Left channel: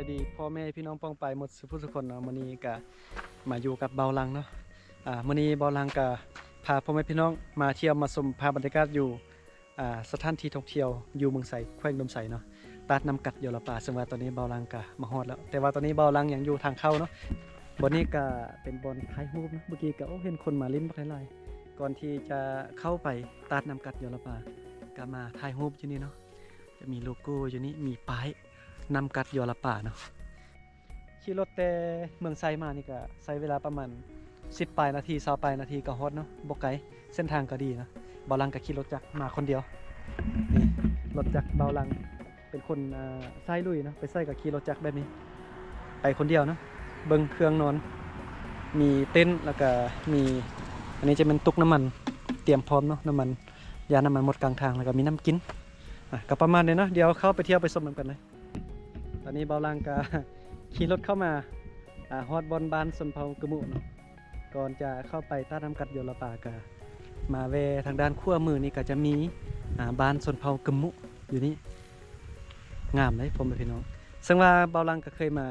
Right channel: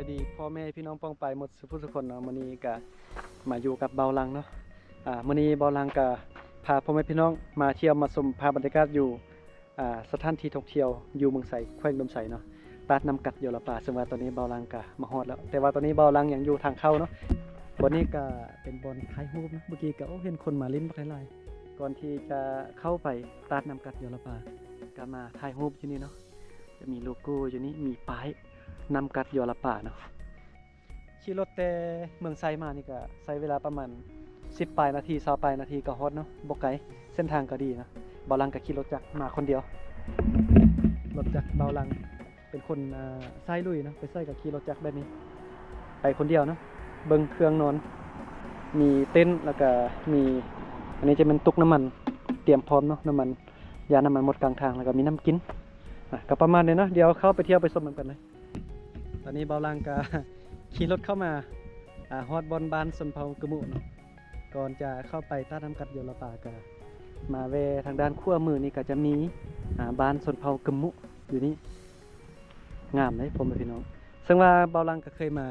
ายดีพ่อแม่พี่น้องป้องไปหมดทุกคนเนาะมื้อนี้ก็มาอยู่กับเบาลังเนาะมื้อนี้เบาลังก็พาพ่อแม่พี่น้องมาเที่ยวมาชมภาพบรรยากาศอยู่สถานที่ท่องเที่ยวอยู่เมืองไสแขวงดมไสเนาะตัดน้ำกัดอยู่ละป่าซึ่งว่าตอนนี้เบาลังก็มาฮอดแล้วแต่ว่าตอนนี้เบาลังยังอยู่ทางเข้าเนาะบนนี้ก็เป็นบอนถ่ายรูปนะเมื่อกี้ก็เห็นคนมาลิ้นบักหลายๆก่อนที่จะเข้าไปตัดน้ำกัดอยู่ละป่าก็มาถ่ายรูปอยู่นี่เนาะจะมีโลโก้อยู่นี่มีป้ายนำกัดยอละป่าเนาะขี่รถแต่เมืองไซมานี่ก็ใช้เวลาประมาณ10ปลายนาที20ปลายนาทีก็ฮอดเนาะบ่ไกลเส้นทางก็ดีนะเบาลังก็ขี่รถจักรมาคนเดียวรถจักรเบาลังเป็นคนไส้ลุยเนาะไปไส้กับขี่รถจักรแบบนี้ไปคนเดียวเนาะเบิ่งเครื่องนอนมีเต็นท์แล้วก็มีอันนี้จะเป็นตุกน้ำมันเตรียมพร้อมเนาะน้ำมันยาน้ำมันหมดกลางทางแล้วก็มีน้ำกินก็ประมาณนี้เนาะเดี๋ยวเข้าไปเที่ยวไปชมกันเลยตอนนี้เบาลังก็ขี่รถเข้ามาฮอดบอนบานสนเผากระมุเนาะก่อนจะเข้าไปต้าน้ำกัดโยลป่าก็มาเวทางด้านขั้วมือนี่ก็จะมีบานสนเผากระมุอยู่นี่งามเลยผมกับพี่น้องซึ่งว่าเบาลังก็เคยมา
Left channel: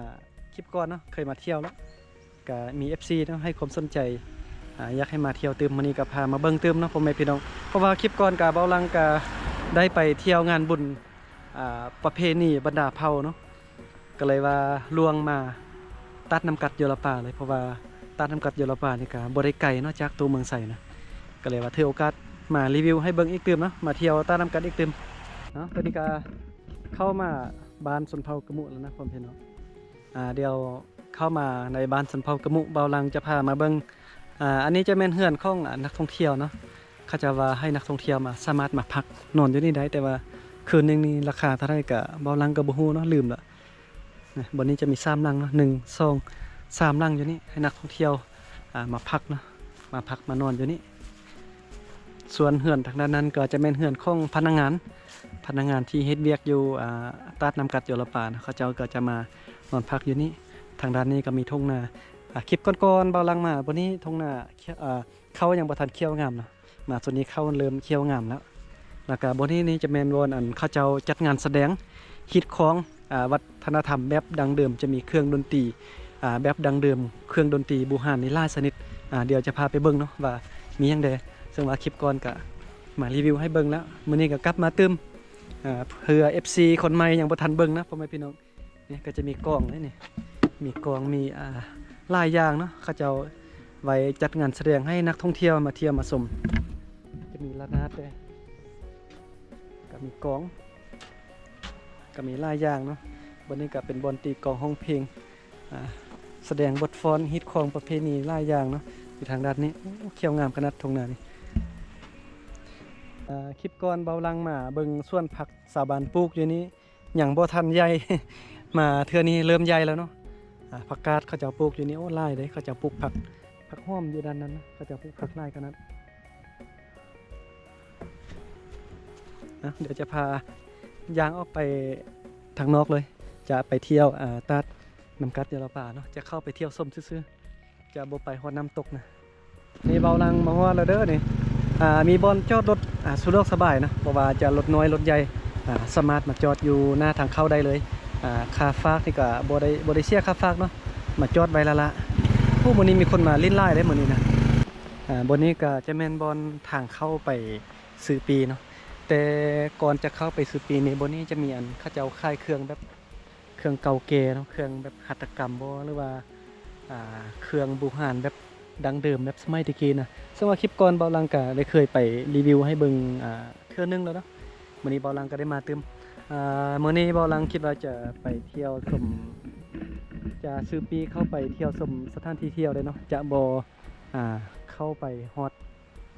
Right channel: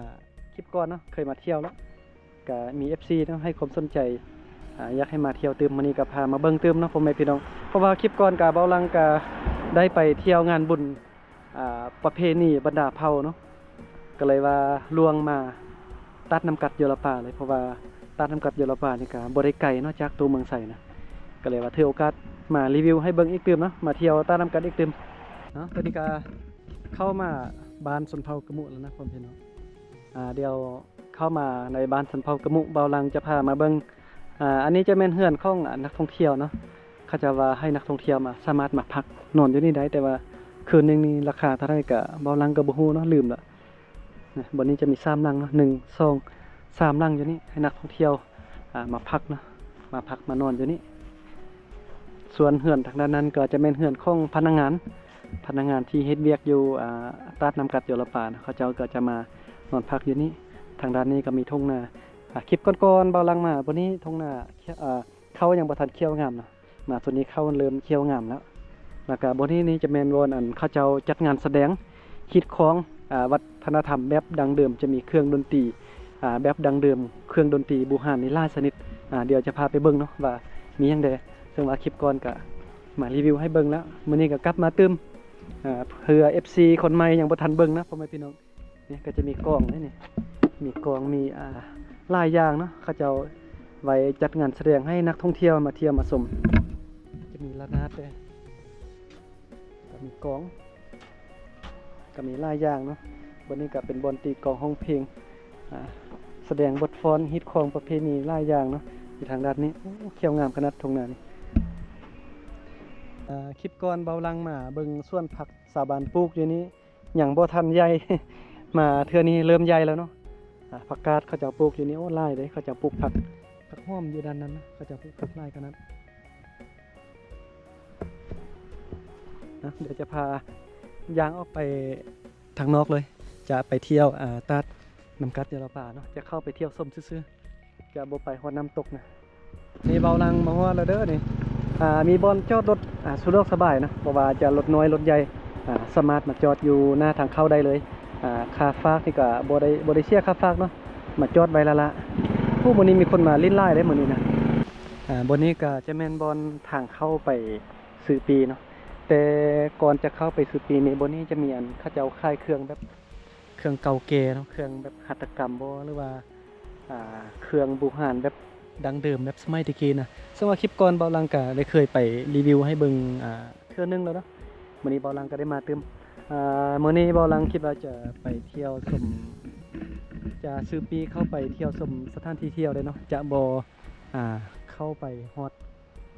คลิปก่อนเนาะเคยมาเที่ยวแล้วก็มี FC เนาะให้ความสนใจอยากให้มาเที่ยวเติมมื้อนี้ก็พามาเบิ่งเติมเนาะผมกับพี่น้องเพราะว่าคลิปก่อนกับเบาลังก็ได้ไปเที่ยวงานบุญประเพณีบรรดาเผ่าเนาะก็เลยว่าลวงมาตัดน้ำกัดโยลป่าเลยเพราะว่าตัดน้ำกัดโยลป่านี่ก็บ่ได้ไกลเนาะจากตัวเมืองไสนะก็เลยว่าถือโอกาสมารีวิวให้เบิ่งอีกตื่มเนาะมาเที่ยวตัดน้ำกัดอีกตื่มเนาะตอนนี้ก็เข้ามาบ้านสนเผากระมุแล้วนะผมพี่น้องเดี๋ยวเข้ามาในบ้านสนเผากระมุเบาลังจะพามาเบิ่งอันนี้จะเป็นเฮือนของนักท่องเที่ยวเนาะเขาจะว่าให้นักท่องเที่ยวมาสามารถมาพักนอนอยู่นี่ได้แต่ว่าคืนนึงนี่ราคาเท่าไหร่ก็เบาลังก็บ่ฮู้เนาะลืมละบนนี้จะมี3หลังเนาะ1 2 3หลังอยู่นี่ให้นักท่องเที่ยวมาพักเนาะมาพักมานอนอยู่นี่ส่วนเฮือนทางด้านนั้นก็จะเป็นเฮือนของพนักงานที่เฮ็ดเวียกอยู่ตัดน้ำกัดโยลป่านะเขาเจ้าก็จะมานอนพักอยู่นี่ทางด้านนี้ก็มีทุ่งนาคลิปก่อนๆเบาลังมาบนนี้ทุ่งนาเขายังบ่ทันเคี้ยวงามนะมาส่วนนี้เขาเริ่มเคี้ยวงามแล้วก็บนนี้จะเป็นวนเขาเจ้าจัดงานแสดงฮิตของวัฒนธรรมแบบดังเดิมจะมีเครื่องดนตรีแบบดังเดิมเครื่องดนตรีบูฮานนี่หลายชนิดเดี๋ยวจะพาไปเบิ่งเนาะว่ามีหยังใดซึ่งว่าคลิปก่อนก็มารีวิวให้เบิ่งแล้วมื้อนี้ก็กลับมาเติมเพื่อ FC คนใหม่ยังบ่ทันเบิ่งนะพ่อแม่พี่น้องนี่ก็จะมีกลองนี่มีกลองมีหลายอย่างเนาะเขาเจ้าไว้จัดงานแสดงให้นักท่องเที่ยวมาเที่ยวมาชมจะมีระนาดด้วยก็มีกลองก็มีหลายอย่างเนาะวันนี้ก็เป็นบอนตีกลองห้องเพลงแสดงบทฟ้อนฮิตของประเพณีหลายอย่างเนาะอยู่ทางด้านนี้เขียวงามขนาดทงนานี่คลิปก่อนเบาลังมาเบิ่งส่วนผักสาบานปลูกอยู่นี้อย่างบ่ทันใหญ่ มาเทื่อนี้เริ่มใหญ่แล้วเนาะผักกาดเขาจะปลูกอยู่นี่โอ้หลายเลยเขาจะปลูกผักหอมอยู่ด้านนั้นนะเขาจะปลูกผักหลายขนาดเดี๋ยวจะพายางออกไปทางนอกเลยจะไปเที่ยวตัดน้ำกัดโยลป่าเนาะจะเข้าไปเที่ยวส้มซื่อๆจะบ่ไปฮอดน้ำตกนะนี่เบาลังมาฮอดแล้วเด้อนี่มีบอนจอดรถสะดวกสบายนะเพราะว่าจะรถน้อยรถใหญ่สามารถมาจอดอยู่หน้าทางเข้าได้เลยค่าฝากนี่ก็บ่ได้เสียค่าฝากเนาะมาจอดไว้ละผู้มื้อนี้มีคนมาลิ้นไล่ได้มื้อนี้นะบนนี้ก็จะแม่นบอนทางเข้าไปซื้อปีเนาะแต่ก่อนจะเข้าไปซื้อปีนี้บนนี้จะมีเขาจะเอาค่ายเครื่องแบบเครื่องเก่าแก่เนาะเครื่องแบบหัตถกรรมบ่หรือว่าเครื่องบูฮานแบบดังเดิมแบบสมัยตะกี้นะซึ่งว่าคลิปก่อนเบาลังก็ได้เคยไปรีวิวให้เบิ่งเทื่อนึงแล้วเนาะมื้อนี้เบาลังก็ได้มาเติมมื้อนี้เบาลังคิดว่าจะไปเที่ยวชมจะซื้อปีเข้าไปเที่ยวชมสถานที่เที่ยวได้เนาะจะบ่เข้าไปฮอด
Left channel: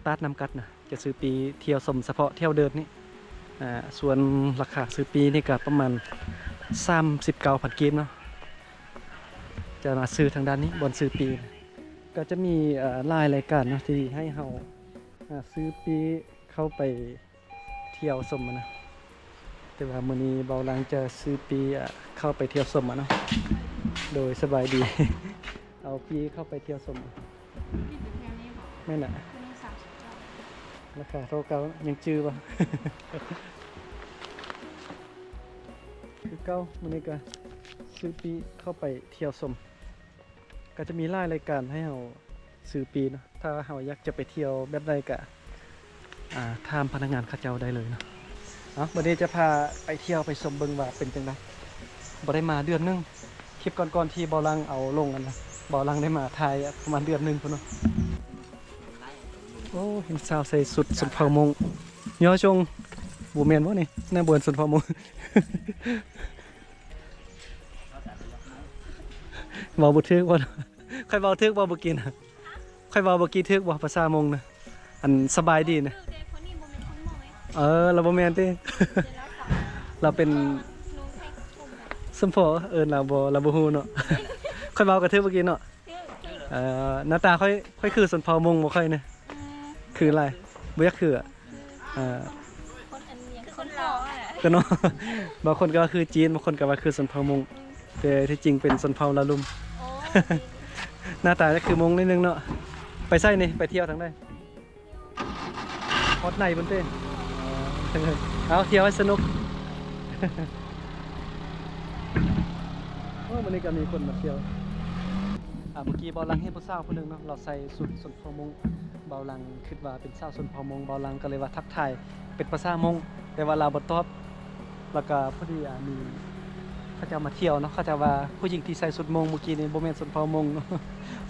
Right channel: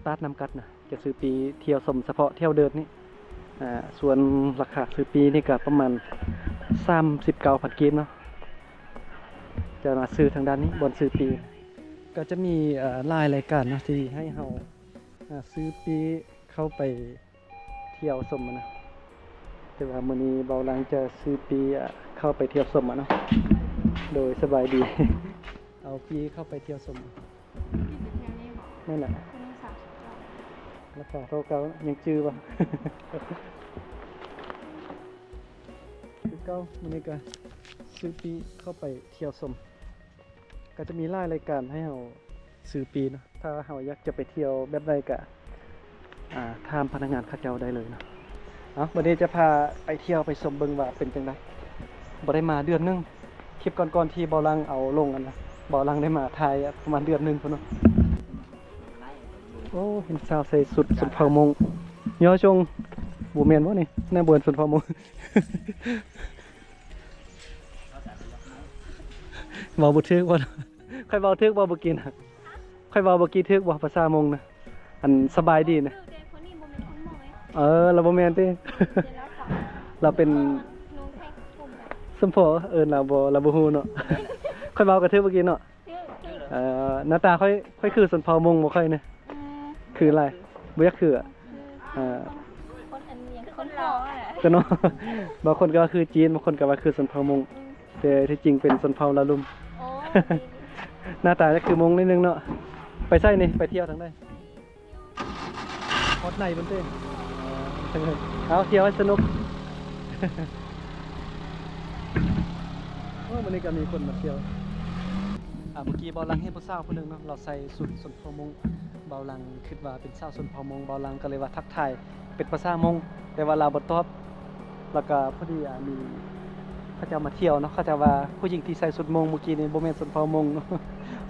ตัดน้ำกัดนะจะซื้อปีเที่ยวชมเฉพาะเที่ยวเดินนี่ส่วนราคาซื้อปีนี่ก็ประมาณ39,000 กีบเนาะจะมาซื้อทางด้านนี้บนซื้อปีก็จะมีรายรายการนะที่ให้เราซื้อปีเข้าไปเที่ยวชมนะแต่ว่ามื้อนี้เบาลังจะซื้อปีเข้าไปเที่ยวชมเนาะโดยสบายดี เอาปีเข้าไปเที่ยวชมนั่นแหละราคาเท่าเก่ายังจื้อป่ะ คือเก่ามื้อนี้ก็ ซื้อปีเข้าไปเที่ยวชมก็จะมีหลายรายการให้เราซื้อปีเนาะถ้าเราอยากจะไปเที่ยวแบบใดก็ถามพนักงานเขาเจ้าได้เลยเนาะวันนี้จะพาไปเที่ยวไปชมเบิ่งว่าเป็นจังไดบ่ได้มาเดือนนึงคลิปก่อนๆที่เบาลังเอาลงกันนะเบาลังได้มาถ่ายประมาณเดือนนึงพุ่นเนาะโอ้เห็นสาวใส่สุดเผามงย่อจงบ่แม่นบ่นี่หน้าบวนสุดเผามง เว้าบ่ถึกบ่ค่อยเว้าถึกบ่กินค่อยเว้าบ่กี่ถึกบ่ภาษามงนะอันสบายดีนะเราบ่แม่นติ เราเป็นสมพอเราบ่ฮู้เนาะ ค่อยเว้ากับเธอเมื่อกี้เนาะหน้าตาค่อยคือสนเผามงบ่ค่อยนะคืออะไรบ่อยากคือคนอันนี้คนหล่ออ่ะก็เนาะ บางคนก็ว่าคือจีนบางคนก็ว่าคือสนเผามงแต่ที่จริงเป็นสนเผาละลุม หน้าตาก็คือมงนิดนึงเนาะไปไสนี่ไปเที่ยวทางใดฮอดในพุ่นเต้เอาเที่ยวให้สนุก วันนี้ก็มีคนมาเที่ยวเมื่อกี้เบาลังให้ผู้สาวคนหนึ่งเนาะเราใส่สุดสนเผามงเบาลังคิดว่าเป็นสาวสนเผามงเบาลังก็เลยว่าทักทายเป็นภาษามงแต่ว่าเราบ่ตอบแล้วก็พอดีมีเขาจะมาเที่ยวเนาะเขาจะว่าผู้หญิงที่ใส่สุดมงเมื่อกี้นี่บ่แม่นสนเผามงเนาะ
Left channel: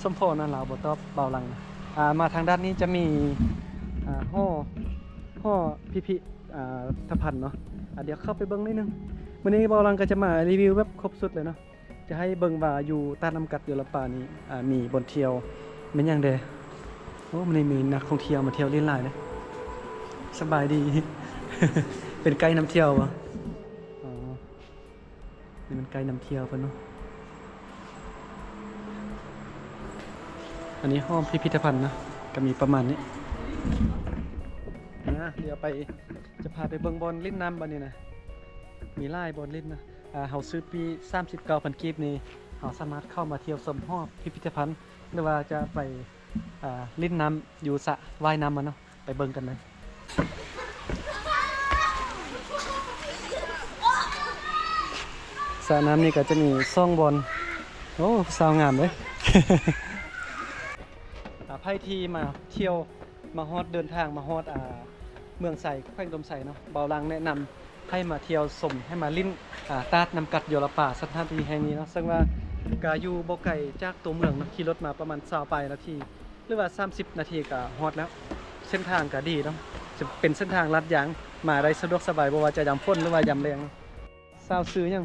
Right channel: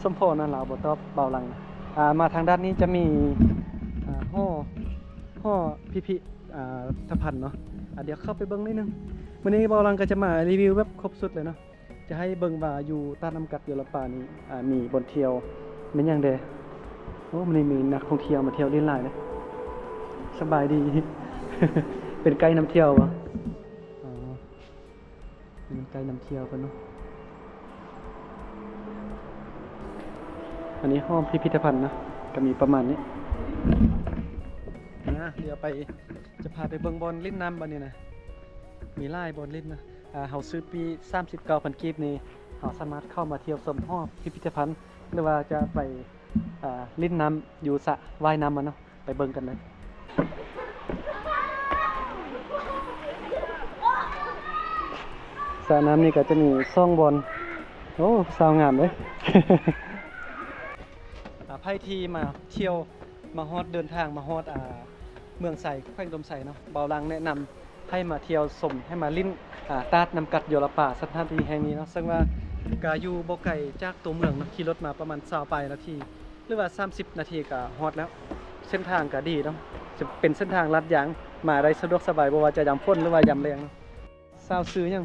สมพอนั่นเราบ่ตอบเบาลังมาทางด้านนี้จะมีห่อพิธภัณฑ์เนาะเดี๋ยวเข้าไปเบิ่งนิดนึงวันนี้เบาลังก็จะมารีวิวแบบครบสุดเลยเนาะจะให้เบิ่งว่าอยู่ตาดน้ำกัดอยู่ลำปางนี้มีบนเที่ยวเป็นอย่างเดโอ้มันมีนักท่องเที่ยวมาเที่ยวเล่นหลายเลยสบายดี เป็นไกด์นำเที่ยววะอ๋อนี่มันไกด์นำเที่ยวกันเนาะอันนี้ห้องพิพิธภัณฑ์นะก็มีประมาณนี้เดี๋ยวไปจะพาไปเบิ่งบอลลิ้นน้ำบันนี้นะมีไล่บอลลิ้นนะเฮาซื้อปี 39,000 กีบนี่เฮาสามารถเข้ามาเที่ยวชมห้องพิพิธภัณฑ์หรือว่าจะไปลิ้นน้ำอยู่สระว่ายน้ำมันเนาะไปเบิ่งกันเลยสระน้ำนี่ก็จะมีซ่องบอลโอ้สาวงามเลย ไพ่ทีมาเที่ยวมาฮอดเดินทางมาฮอดเมืองไสแขวงดมไสเนาะเบาลังแนะนำให้มาเที่ยวชมให้มาลิ้นตาดน้ำกัดโยลป่าสถานที่แห่งนี้เนาะซึ่งว่ากาอยู่บ่ไกลจากตัวเมืองเนาะขี่รถมาประมาณ20นาทีหรือว่า30นาทีก็ฮอดแล้วเส้นทางก็ดีเนาะจะเป็นเส้นทางลัดยางมาได้สะดวกสบายบ่ว่าจะยามฝนหรือว่ายามแล้งเนาะสาวซื้อยัง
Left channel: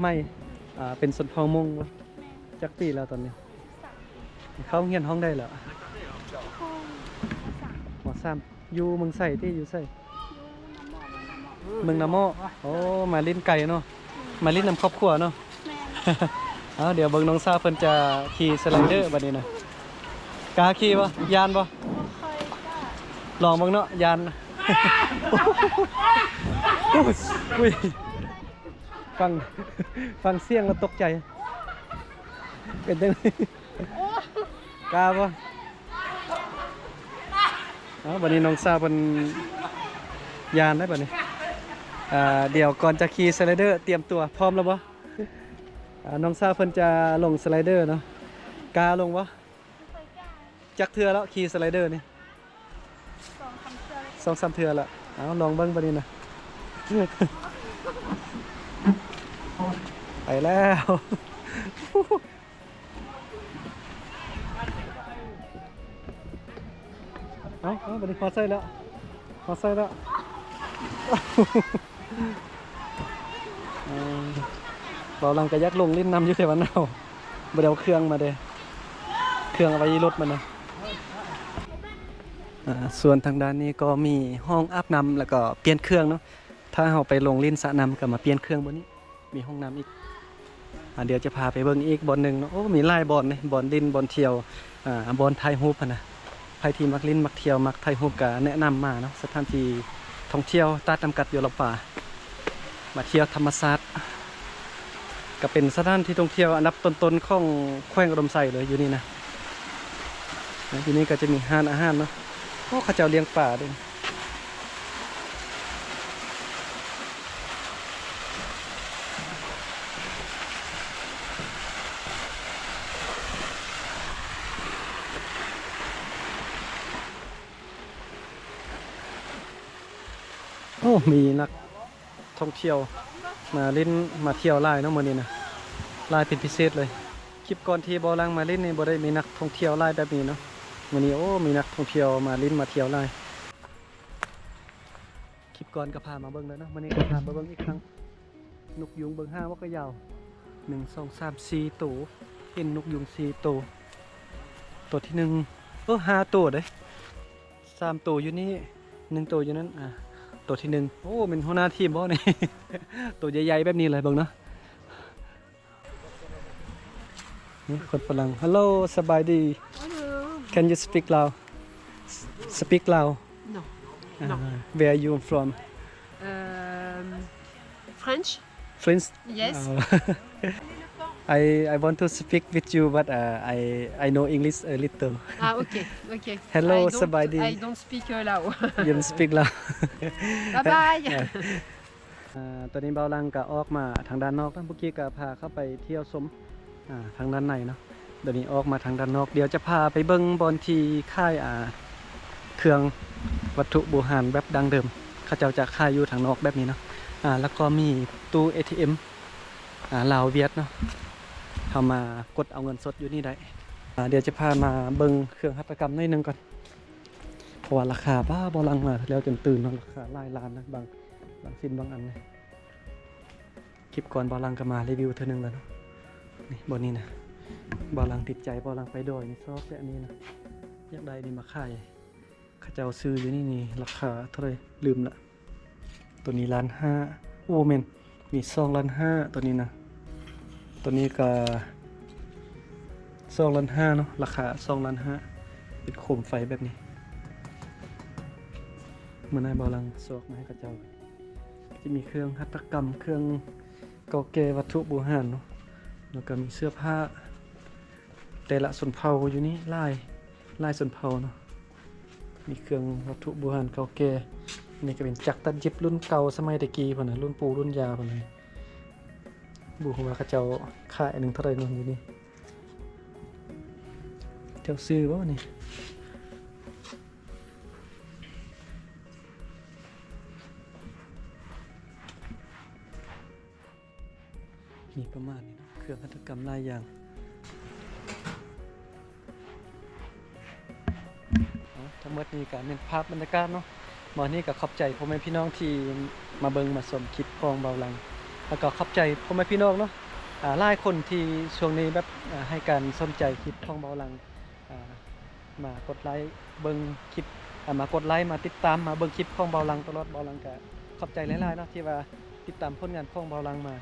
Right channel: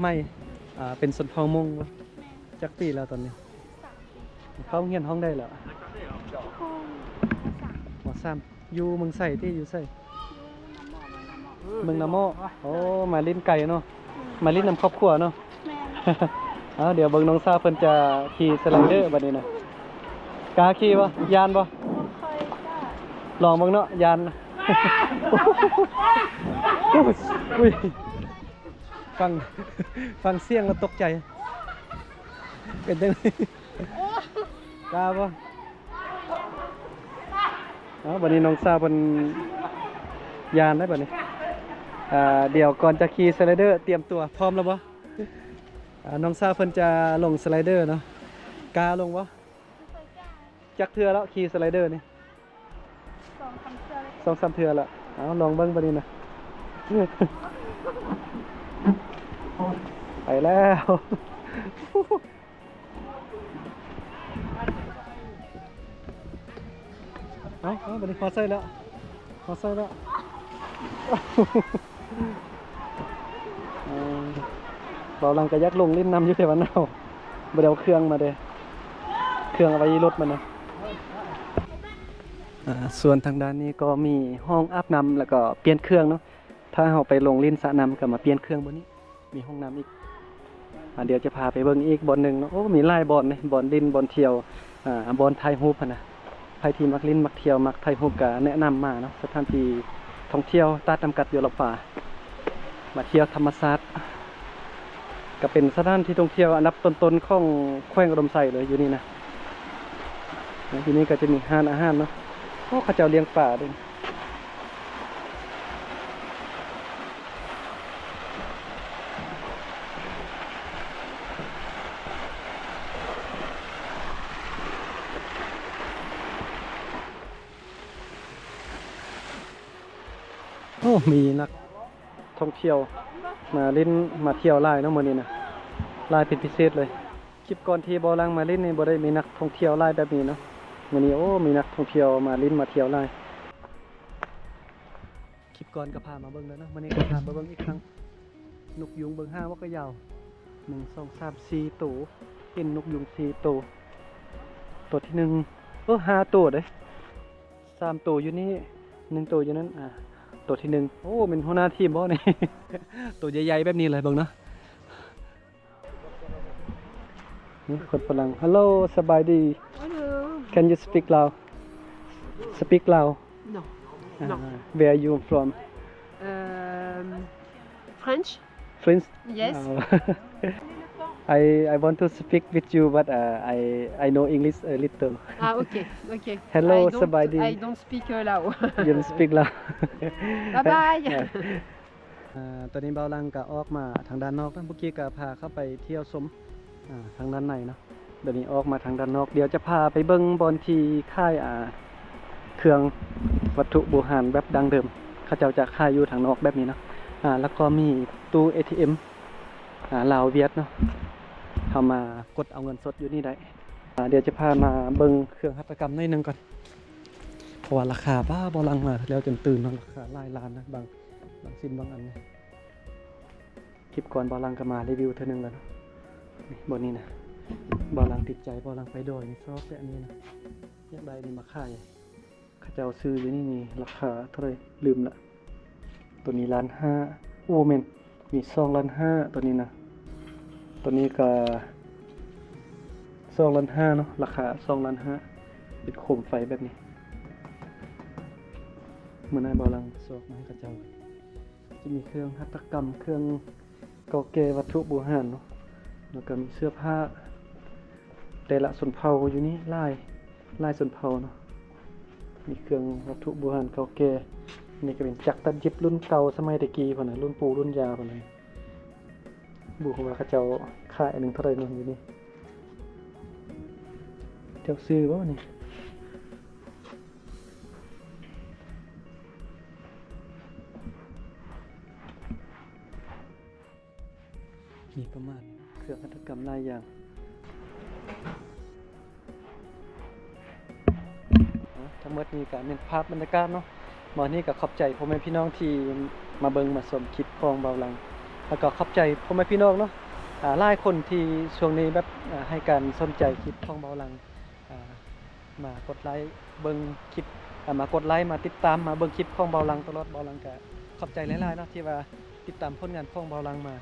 ไม่เป็นสนเผามงจักปีแล้วตอนนี้เข้าเรียนห้องได้แล้วหมอซ้ำอยู่เมืองไสที่อยู่ไสเมืองน้ำหม้อโอ้มาลิ้นไก่เนาะมาลิ้นน้ำครอบครัวเนาะ เดี๋ยวเบิ่งน้องซาเพิ่นจะขี่สไลเดอร์บัดนี้นะกล้าขี่บ่ยานบ่ลองเบิ่งเนาะยาน อุ้ยฟังเสียงแล้วตกใจเป็นจังได๋กล้าบ่บัดนี้น้องซาเพิ่นยานได้บัดนี้เดี๋ยวก่อนจะขี่สไลเดอร์เตรียมตัวพร้อมแล้วบ่น้องซาเพิ่นจะลงสไลเดอร์เนาะกล้าลงบ่จักเทื่อแล้วขี่สไลเดอร์นี่2-3 เทื่อแล้วลองเบิ่งบัดนี้นะ ไปแล้วบัดนี้พอใส่แล้วเบาลังกระยักลงลิ้นน้ำอยู่แค่วันเอาบ่ได้เอาเครื่องมาเด้เครื่องเอาไว้รถมันนะส่วนทางด้านนี้ก็มีห้องอาบน้ำแล้วก็เปลี่ยนเครื่องเนาะถ้าเราไปลงลิ้นสระน้ำก็มาเปลี่ยนเครื่องบนนี้มีห้องน้ำอีกเดี๋ยวจะพาไปเบิ่งอีกบอลหนึ่งเนาะโอ้มีหลายบอลนี่บอลลิ้นบอลเที่ยวบอลไทยฮูปนะใครที่มักลิ้นมักเที่ยวมักไทยฮูปก็แนะนำมาเนาะสถานที่ท่องเที่ยวตาดน้ำกัดอยู่ลำปางมาเที่ยวธรรมศาสตร์ก็เป็นสถานที่ท่องเที่ยวอันดับต้นๆของแขวงอุดมไซเลยอยู่นี่นะที่นี่ก็จะมีอาหารเนาะโอ้เขาเจ้าเลี้ยงป่าด้วย อ อ้มีนักท่องเที่ยวมาเล่นมาเที่ยวหลายเนาะมื้อนี้นะหลายเป็นพิเศษเลยคลิปก่อนที่บ่ลังมาเล่นนี่บ่ได้มีนักท่องเที่ยวหลายแบบนี้เนาะมื้อนี้โอ้มีนักท่องเที่ยวมาเล่นมาเที่ยวหลายคลิปก่อนก็พามาเบิ่งแล้วเนาะมื้อนี้ก็พามาเบิ่งอีกครั้งนกยุงเบิ่งห้าว่าก็ยาว1 2 3 4ตัวเห็นนกยุง4ตัวตัวที่5ตัวเด้3ตัวอยู่นี่1ตัวอยู่นั้นตัวที่โอ้เป็นหัวหน้าทีมบ่นี่ ตัวใหญ่ๆแบบนี้เลยเบิ่งเนาะนี่คนฝรั่ง Hello สบายดี Hello. Can you speak Lao Speak Lao No. No. No. Where are you from French? French Yes. I want to speak with you but I know English a little Okay. Okay. Hello, I don't, Sabadi. I don't speak Lao. You don't speak Lao Bye bye. ตอนนี้เบาลังก็ออกมาทางด้านนอกนะเมื่อกี้ก็พาเข้าไปเที่ยวชมทางด้านในเนาะเดี๋ยวนี้ออกมาทางด้านนอกเดี๋ยวจะพาไปเบิ้งบอนที่ค่ายเครื่องวัตถุโบราณแบบดังเดิมเขาเจ้าจะค่ายอยู่ทางนอกแบบนี้เนาะแล้วก็มีตู้ ATM ลาวเวียดเนาะเอามากดเอาเงินสดอยู่นี่ได้เดี๋ยวจะพามาเบิ้งเครื่องหัตถกรรมหน่อยหนึงก่อนเพราะว่าราคาบ้าบอลังมาแล้วจนตื่นเนาะราคาหลายล้านนะบางสิ้นบางอันเนี่ยคลิปก่อนบอลังก็มารีวิวเท่านึงแล้วเนาะนี่บนนี้นะบอลังติดใจบอลังไปดอยนี่ซอกแบบนี้นะอยากได้นี่มาขายเขาจะเอาซื้ออยู่นี่ราคาเท่าไหร่ลืมละตัวนี้1,500,000โอ้เมนมี2,500,000ตัวนี้นะตัวนี้ก็2,500,000เนาะราคา2,500,000เป็นโคมไฟแบบนี้เมื่อนายบอลังซอกมาให้เขาเจ้าจะมีเครื่องหัตถกรรมเครื่องเก่าแก่วัตถุโบราณเนาะแล้วก็มีเสื้อผ้าแต่ละชนเผ่าอยู่นี่ลายชนเผ่าเนาะมีเครื่องวัตถุโบราณเก่าแก่นี่ก็เป็นจักรตัดเย็บรุ่นเก่าสมัยตะกี้พุ่นน่ะรุ่นปู่รุ่นยาพุ่นน่ะบุว่าเขาเจ้าขายอันหนึงเท่าไหร่นู่นอยู่นี่เจ้าซื้อบ่นี่มีประมาณนี้เครื่องหัตถกรรมหลายอย่างทั้งหมดนี้ก็เป็นภาพบรรยากาศเนาะมื้อนี้ก็ขอบใจพ่อแม่พี่น้องที่มาเบิ่งมาชมคลิปของเบาลังแล้วก็ขอบใจพ่อแม่พี่น้องเนาะหลายคนที่ช่วงนี้แบบให้การสนใจคลิปของเบาลังมากดไลค์เบิ่งคลิปมากดไลค์มาติดตามมาเบิ่งคลิปของเบาลังตลอดเบาลังก็ขอบใจหลายๆเนาะที่ว่าติดตามผลงานของเบาลังมา